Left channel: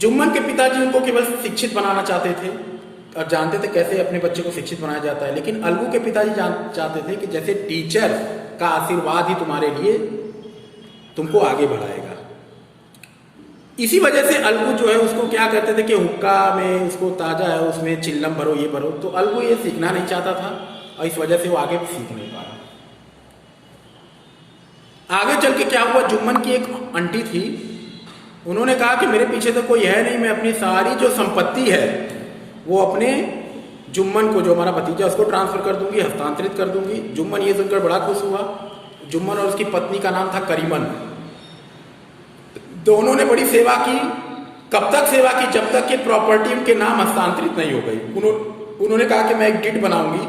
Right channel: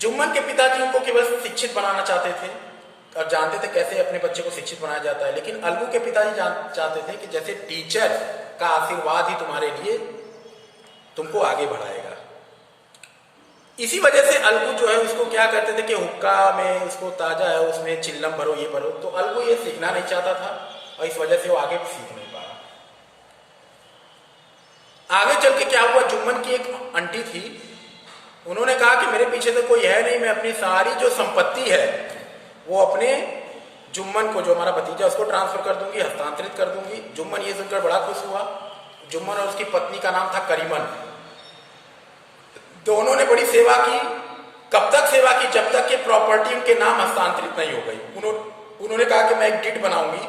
जुम्मन के पिताजी उनको केवल शिक्षित बनाना चाहते थे और जानते थे कैसे अपने बच्चे को शिक्षित बनाया जाता है, लेकिन अलगू के पिताजी चाहते थे कि जैसे टीचर का आशीर्वाद ही तुम्हारे लिए तुमको आगे बढ़ाएगा। इसी वजह से अलगू जो है उसको क्या कहते थे कि हुक्का में उसको ताजा है उसमें चिल्लम भरो ये भरो, तो अलगू ये सीखना नहीं चाहता था और इस वजह से वो आगे भी सीख नहीं पाया। आगे चल के क्या हुआ, जुम्मन की एक आंटी थी, उन्होंने कहा कि मेरे पीछे तो कोई है नहीं, मैं अपनी सारी जो संपत्ति है वो अपने जुम्मन को, जो हमारा भतीजा, उसको ट्रांसफर कर दूंगी, हस्तांतरित कर दूंगी। जुम्मन ये सुनकर बड़ा खुश हुआ। जुम्मन और उसकी पत्नी का नाम था करीमन। दोनों ने बड़ी सेवा की। कब तक सेवा की? जब तक कि प्रॉपर्टी उनके नाम हस्तांतरित नहीं हो गई। उन्होंने कहा कि मैं एक डिड बनाऊंगी,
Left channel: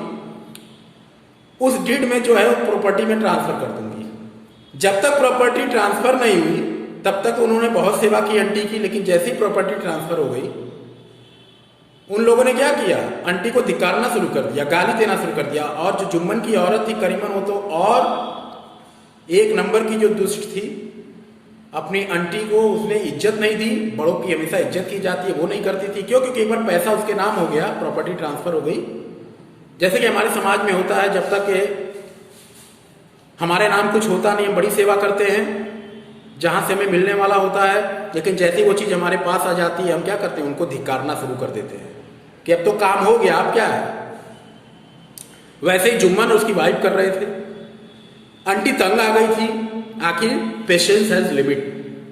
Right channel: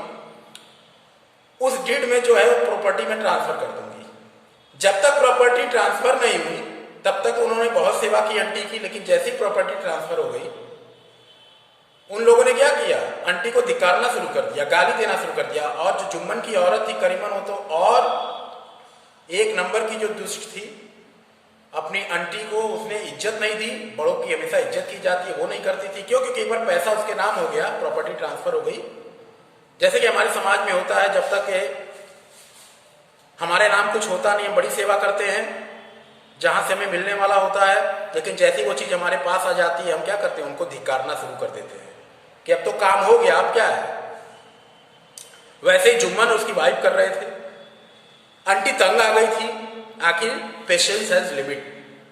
उस डिड में जो है प्रॉपर्टी में ट्रांसफर कर दूंगी। जब तक प्रॉपर्टी ट्रांसफर नहीं हुई तब तक उन्होंने बहुत सेवा की आंटी की, लेकिन जैसी प्रॉपर्टी ट्रांसफर हो गई उन लोगों ने क्या किया, आंटी को धिक्कारना शुरू कर दिया, गाली देना शुरू कर दिया। और जो जुम्मन की औरत थी करीमन, वो तो और एक नंबर की जो दुष्ट थी, अपनी आंटी को उसने इज्जत नहीं दी। बड़ों की हमेशा इज्जत की जाती है, वो नहीं करती थी। क्यों? क्योंकि एक बार पैसा उसके नाम हो गया, प्रॉपर्टी ट्रांसफर हो गई। जैसे कि हमारे समाज में होता है, जब तक हमारे नाम कुछ होता नहीं, बड़ी सेवा करते हैं जहां से हमें मिलने वाला होता है, लेकिन जैसी वो चीज हमारे पास आ जाती है हम क्या करते हैं, उनको धिक्कारना शुरू कर देते हैं कि अब तो काम हो गया, अब क्या है। वैसे ही जुम्मन उसकी वाइफ कर रहे थे। आंटी तंग आ गई थी। आखिर पेशेंस हैज लिमिट,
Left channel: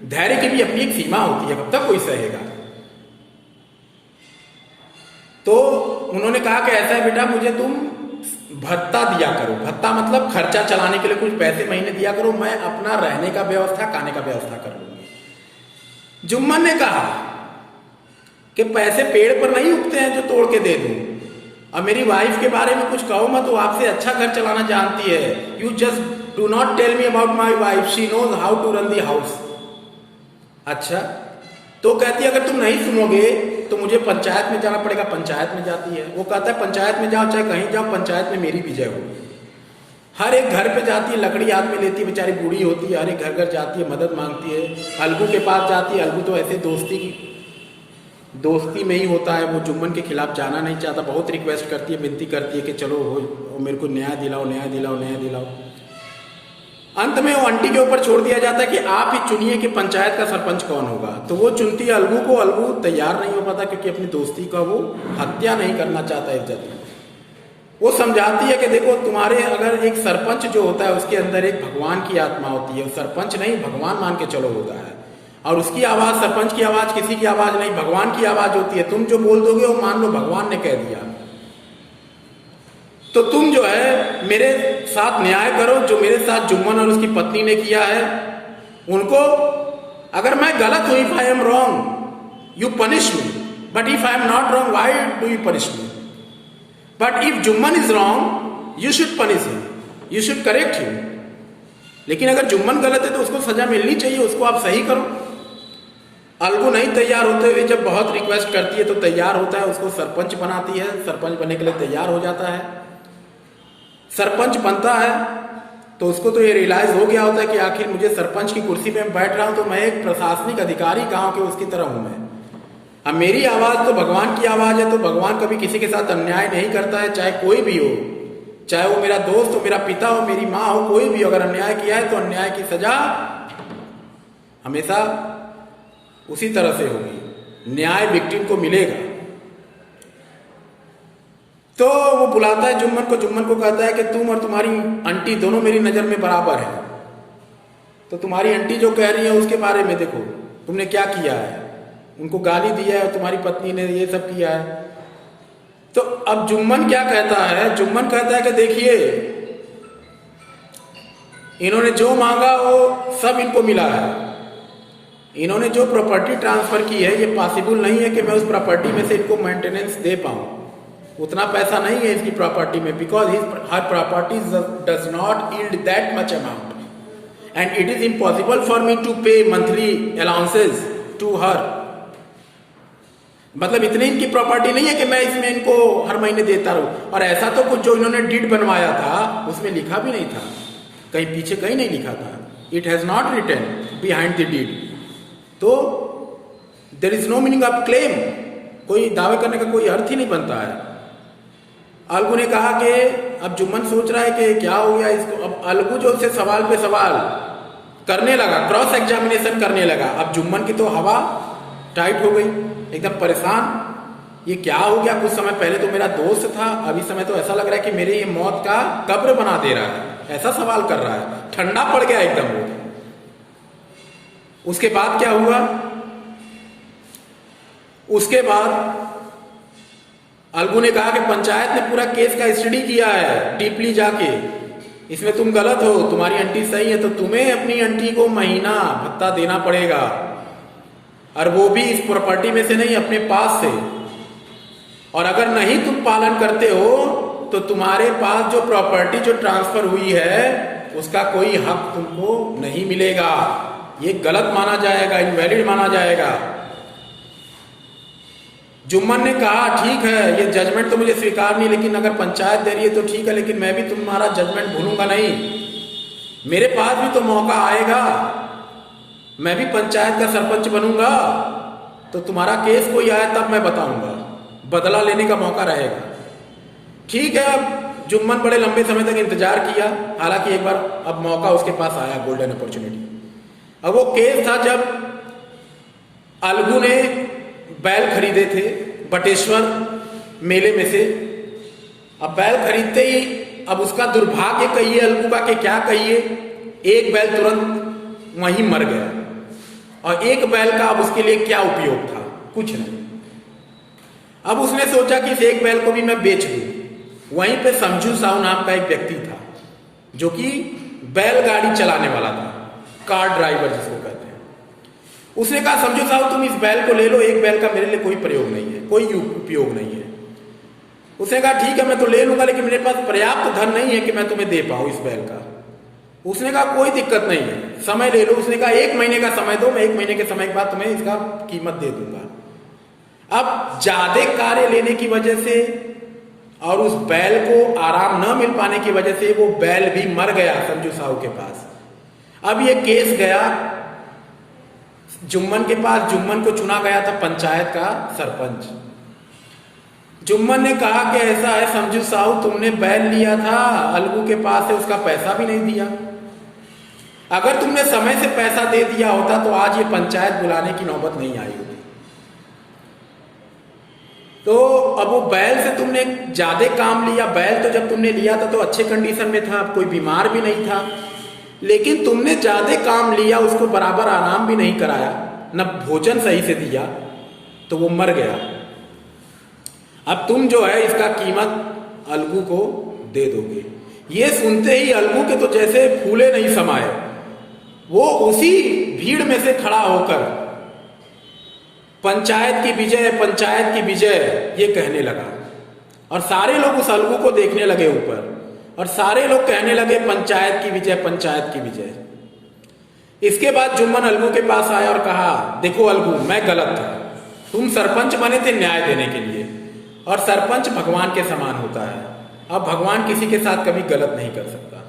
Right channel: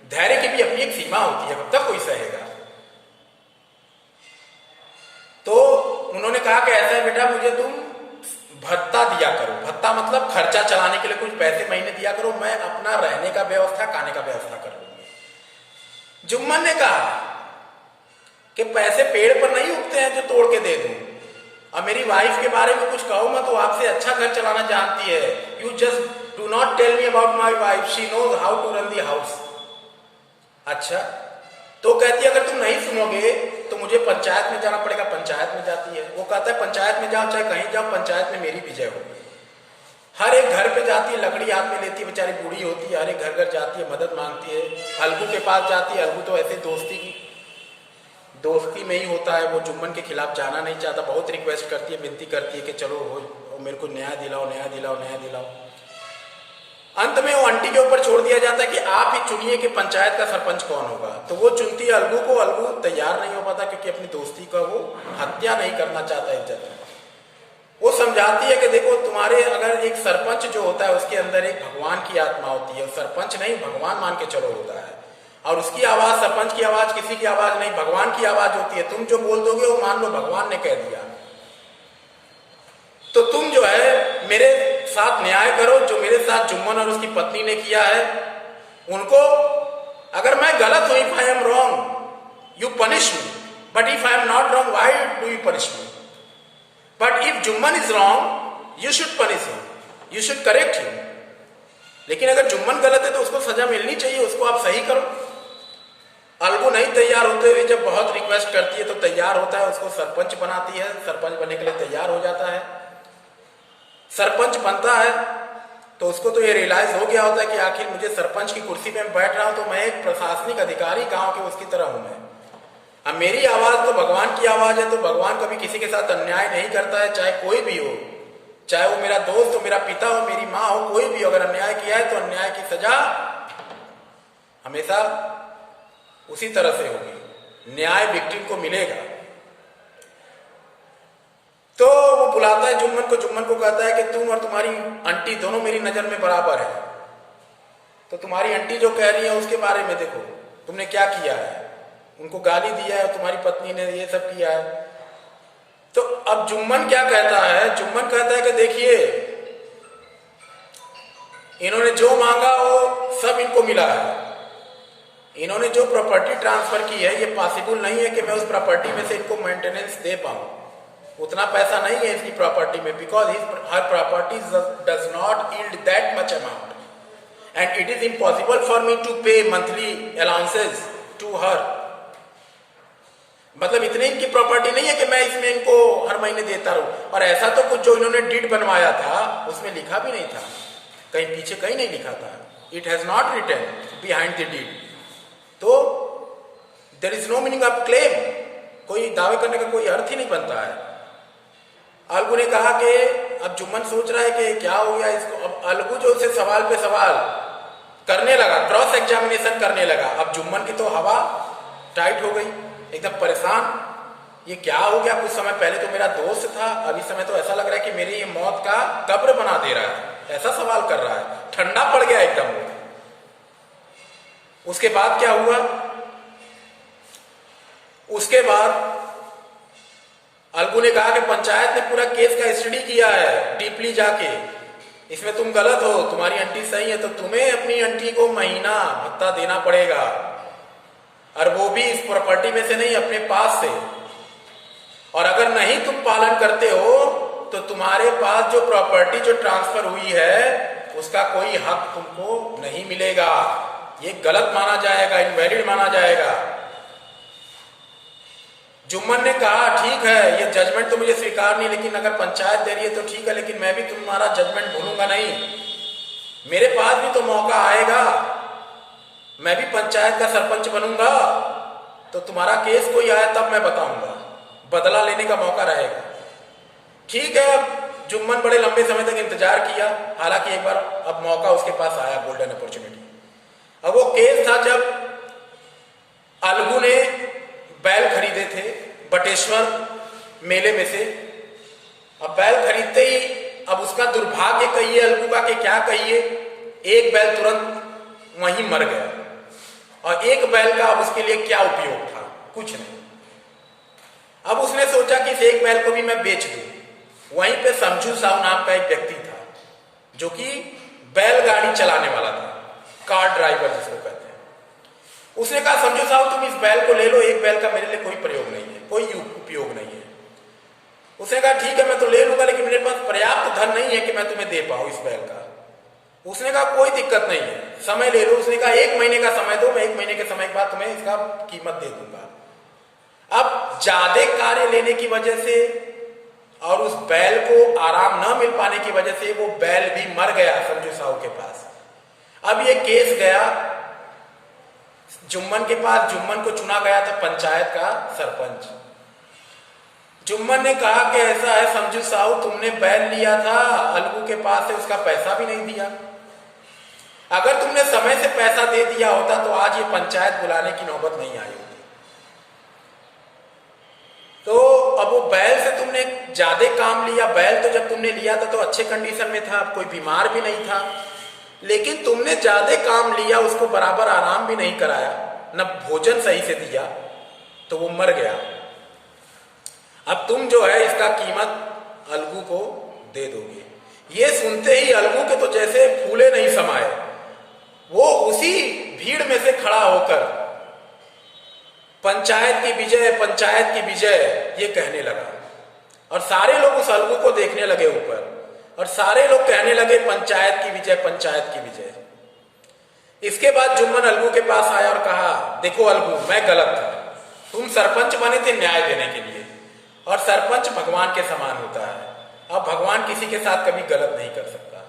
धैर्य की भी अपनी एक सीमा होती है, कब तक कोई सहेगा। तो उन्होंने कहा कि ऐसा है बेटा, मुझे तुम भत्ता दिया करो। भत्ता मतलब खर्चा चलाने के लिए कुछ पैसे महीने दिया करो, मैं अपना रहने का व्यवस्था, खाने का व्यवस्था कर लूंगी। जुम्मन ने कहा कि पैसे पेड़ पर नहीं उगते हैं जो तोड़ के दे दूं, और मेरी वाइफ के बारे में कुछ कहो मत, वो आपसे अच्छा घर चलाना जानती है। You just do not tell me about my wife, she knows how to run the house. अच्छा, तो कहती है अगर तुम नहीं सुनोगे तो मुझे पंचायत में जाना पड़ेगा। पंचायत में जाती है। वो कहता है पंचायत में जाओ चाहे कहीं जाओ, पंचायत में मेरी विजय होगी। हर एक घर पे जाती है, लकड़ी हाथ में लेती है, बेचारी बूढ़ी होती है, हर एक घर घर जाती है, मदद मांगती है। अलगू के पास जाती है। अलगू तो ऐसे दोस्ती में ही होता है, वो जुम्मन के खिलाफ जाना नहीं चाहता। बहुत रिक्वेस्ट करती है, विनती करती है कि चलो हो, मेरे को न्याय दिलाओ, न्याय दिलाओ, न्याय दिलाओ। अंत में वो आंटी के ऊपर छोड़ दिया जाता है कि आप ही चुनिए कि पंचायत का सरपंच कौन होगा। तो वो चुनती है अलगू को। अलगू तैयार नहीं हो पाता क्योंकि अपनी दोस्ती का वो हत्या नहीं करना चाहता इज्जत में। वो समझाती है कि देखो, तुम्हारे अगर एक सरपंच जो होता है उसके अंदर एक भगवान की आत्मा होती है। सरपंच नहीं, भगवान मान के चलो होता है, और उसकी आवाज, सरपंच की आवाज किसी की आवाज नहीं, भगवान की आवाज होती है। तुम जो बोल दोगे वो मान लो भगवान ने कह दिया। तो तुम जो है मेरे साथ न्याय करो, जो मेरे साथ जुम्मन और उसकी पत्नी ने किया है उनको। अगर मैं गलत हूं, if I am wrong you punish me, but if I am not wrong why do you punish me? But if Jumman is wrong you should punish him, you should correct him. लेकिन अगर जुम्मन गलत है तो उसको सजा मिलनी चाहिए, उसको आप सही करो। अलगू नहीं तैयार होते हुए जब बहुत रिक्वेस्ट करती है तो तैयार होता है, उसको सरपंच बनाती है। सरपंच बनने के लिए तैयार हो जाता है। सरपंच बनता है तो उसको तो ये रियलाइज हो गया होता है कि आखिर मुझे सरपंच की कुर्सी पे बैठ रहा हूं तो मैं एक प्रशासनिक अधिकारी गांव के उसकी तरह हूं मैं। अब मेरी आवाज तो भगवान की आवाज है, तो भगवान कभी किसी के साथ अन्याय नहीं करता है, चाहे कोई भी हो, चाहे वो मेरा दोस्त हो, मेरा पिता हो, मेरी माँ हो, कोई भी। अगर अन्याय किया है तो अन्याय की सजा हमेशा उसी तरह से होगी, न्याय विक्टिम को मिलेगा। तो वो बुलाता है जुम्मन को। जुम्मन को कहता है कि तुम और तुम्हारी आंटी दोनों मेरी नजर में बराबर है, तो तुम्हारी आंटी जो कह रही है उसके बारे में देखो तुमने क्या किया है, उनको गाली दिया है, तुम्हारी पत्नी ने ये सब किया है। तो अब जुम्मन क्या कहता है? जुम्मन कहता है कि देखिए, इन्होंने जो मांगा वो सब इनको मिला है। इन्होंने जो प्रॉपर्टी ट्रांसफर की है ये पॉसिबल नहीं है कि मैं उस प्रॉपर्टी में से इनको मेंटेनेंस दे पाऊं। उतना पैसा नहीं है इसकी प्रॉपर्टी में, because her property does not yield that much amount and it is impossible for me to pay monthly allowances to her. मतलब इतनी इनकी प्रॉपर्टी नहीं है कि मैं इसमें इनको हर महीने देता रहूं। और ऐसा तो कुछ जो इन्होंने डीड बनवाया था उसमें लिखा भी नहीं था, कहीं पीछे कहीं नहीं लिखा था। It has not written behind the deed. तो there is no meaning of claim, कोई दावे करने का कोई अर्थ ही नहीं बनता है। अलगू ने कहा कि अब जुम्मन सोच रहा है कि क्या हो गया इसको। अब अलगू जो उससे सवाल पे सवाल करने लगा, क्रॉस एग्जामिनेशन करने लगा। अब जुम्मन की तो हवा टाइट हो गई, एकदम परेशान, ये क्या हो गया। कुछ समय पहले तो मेरा दोस्त था, अभी समय तो ऐसा लग रहा है कि मेरी ये मौत का कब्र बना दे रहा है, ऐसा सवाल कर रहा है। ठंडा पड़ गया एकदम वो। उसके बाद क्या हुआ, उसके बाद अलगू ने कहा कि पंचायत ने पूरा केस का स्टडी किया है डीपली जाके, इसमें तुम गलत हो, तुम्हारी आंटी सही है, तो तुम्हें अपनी आंटी को महीना भत्ता देना पड़ेगा, और वो भी इस प्रॉपर्टी में से नहीं, अपने पास से। और अगर नहीं तुम पालन करते हो तो तुम्हारे पास जो प्रॉपर्टी जो ट्रांसफर हुई है उसका कोई हक तुमको नहीं मिलेगा, ये गलत माना जाएगा, इनवैलिड माना जाएगा। जुम्मन ने कहा ठीक है, ये जजमेंट तो मुझे स्वीकार नहीं, लेकिन अगर पंचायत दे रही है तो ठीक है, लेकिन मैं भी तुम्हारा जजमेंट भूलूंगा नहीं, मेरे पास भी तो मौका आएगा, मैं भी पंचायत का सरपंच बनूंगा, तो तुम्हारा केस कोई आया तब मैं बताऊंगा, बदला लेने का मौका रहेगा। ठीक है, अब जुम्मन बड़े लंबे समय तक इंतजार किया, हालांकि एक बार अब मौका उसके पास आया, गोल्डन अपॉर्चुनिटी। अब वो केस था जब अलगू ने बैल खरीदे थे बटेश्वर मेले में से। अब बैल खरीदते ही अब उसका दुर्भाग्य कहिए अलगू का कि क्या कहिए, एक बैल तुरंत वहीं मर गया, और एक बैल का अब उसके लिए क्या उपयोग था, कुछ नहीं। अब उसने सोचा कि इस एक बैल को भी मैं बेच दूं। वहीं पे समझू साहू नाम का एक व्यक्ति था जो कि बैलगाड़ी चलाने वाला था, कार ड्राइवर जिसको कहते हैं। उसने कहा समझू साहू तुम इस बैल को ले लो, एक बैल का मेरे लिए कोई प्रयोग नहीं है, कोई उपयोग नहीं है। उसने कहा ठीक है मैं तो ले लूंगा, लेकिन मेरे पास पर्याप्त धन नहीं है कि मैं तुम्हें दे पाऊं इस बैल का। उसने कहा कोई दिक्कत नहीं है, समय ले लो। उसने कहा 1 महीने का समय दो, मैं 1 महीने के समय के बाद तुम्हें इसका कीमत दे दूंगा। अब ज्यादा कार्य लेने की वजह से और उस बैल को आराम न मिल पाने की वजह से वो बैल भी मर गया समझू साहू के पास। अब ये केस गया जुम्मन के पास, जुम्मन को चुना गया था पंचायत का सरपंच। जुम्मन ने कहा कि ऐसा है समझू साहू, तुमने बैल लिया था अलगू के पास से, उसका पैसा भी नहीं दिया। अगर तुमने समय से पैसा दे दिया होता तो आज ये पंचायत बुलाने की नौबत नहीं आई होती। तो अब वो बैल से तुमने ज्यादा काम लिया। बैल तो जब तुमने लिया था तो अच्छे कंडीशन में था, कोई बीमार भी नहीं था, लेकिन तुमने ज्यादा काम लिया, उसको बराबर आराम भी नहीं कराया, न भोजन सही से दिया, तो वो मर गया। अब तुम जो है इसका कीमत अलगू को दे दोगे। ये सुनते ही अलगू के तो जैसे फूले नहीं समाये, वो उसी भीड़ में से खड़ा होकर पंचायत की विजय, पंचायत की विजय ये कहने लगा। और सारे लोग उस अलगू को देखने लगे ऊपर, और सारे लोग कहने लगे पंचायत की विजय, पंचायत की विजय। इसके बाद जुम्मन अलगू के पास आया और कहा देखो अलगू, मैं गलत था, तुम सरपंच बने थे न्याय देने के लिए, और सरपंच भगवान के समान होता है। अब भगवान किसी के साथ कभी गलत नहीं कर सकता,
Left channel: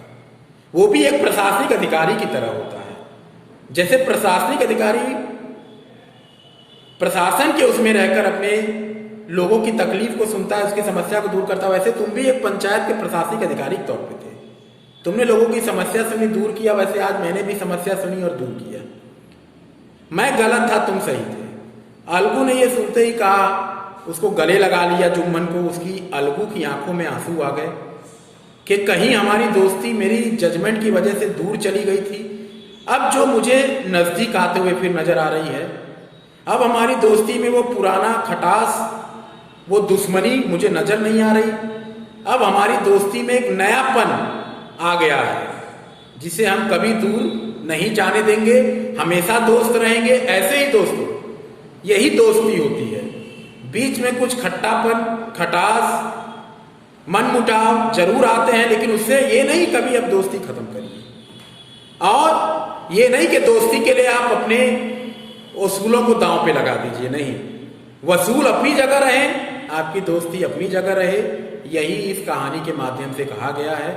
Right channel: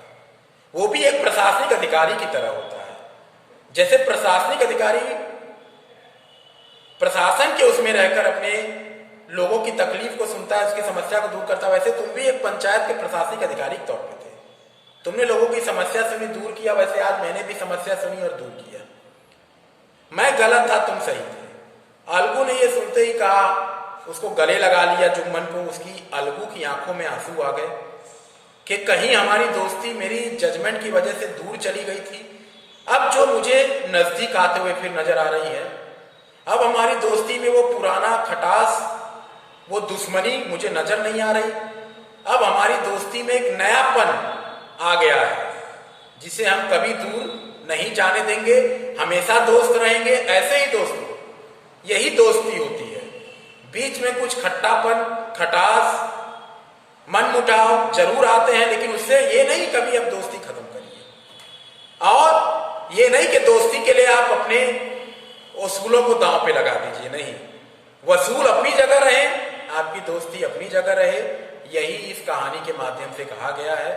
वो भी एक प्रशासनिक अधिकारी की तरह होता है। जैसे प्रशासनिक अधिकारी प्रशासन के उसमें रहकर अपने लोगों की तकलीफ को सुनता है, उसकी समस्या को दूर करता है, वैसे तुम भी एक पंचायत के प्रशासनिक अधिकारी के तौर पर थे। तुमने लोगों की समस्या सुनी, दूर किया, वैसे आज मैंने भी समस्या सुनी और दूर किया। मैं गलत था, तुम सही थे। अलगू ने ये सुनते ही कहा, उसको गले लगा लिया जुम्मन को। उसकी अलगू की आंखों में आंसू आ गए कि कहीं हमारी दोस्ती मेरी जजमेंट की वजह से दूर चली गई थी, अब जो मुझे नजदीक आते हुए फिर नजर आ रही है, अब हमारी दोस्ती में वो पुराना खटास, वो दुश्मनी मुझे नजर नहीं आ रही। अब हमारी दोस्ती में एक नयापन आ गया है जिसे हम कभी दूर नहीं जाने देंगे, हमेशा दोस्त रहेंगे। ऐसे ही दोस्तों, यही दोस्ती होती है। बीच में कुछ खट्टापन, खटास, मनमुटाव जरूर आते हैं, लेकिन उससे ये नहीं कभी अब दोस्ती खत्म करिए। और ये नहीं कि दोस्ती के लिए आप अपने उसूलों को दांव पे लगा दीजिए, नहीं। वसूल अपनी जगह रहे, आपकी दोस्ती अपनी जगह रहे, यही इस कहानी के माध्यम से कहा गया है।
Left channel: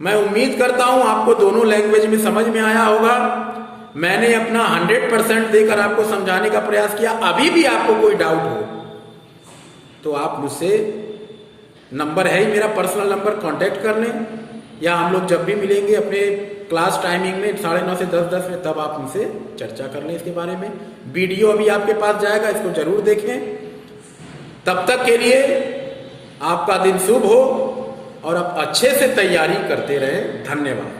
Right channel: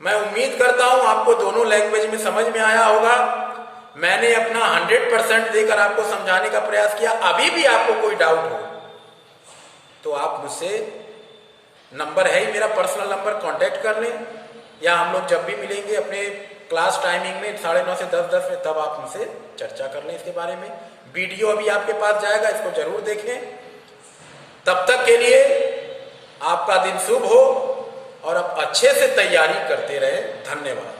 मैं उम्मीद करता हूं आपको दोनों लैंग्वेज में समझ में आया होगा। मैंने अपना 100% देकर आपको समझाने का प्रयास किया। अभी भी आपको कोई डाउट हो तो आप मुझसे, नंबर है ही मेरा पर्सनल नंबर, कांटेक्ट कर लें, या हम लोग जब भी मिलेंगे अपने क्लास टाइमिंग में 9:30 से 10:10 में, तब आप मुझसे चर्चा कर लें इसके बारे में। वीडियो अभी आपके पास जाएगा, इसको जरूर देखें। तब तक के लिए आपका दिन शुभ हो और आप अच्छे से तैयारी करते रहें। धन्यवाद।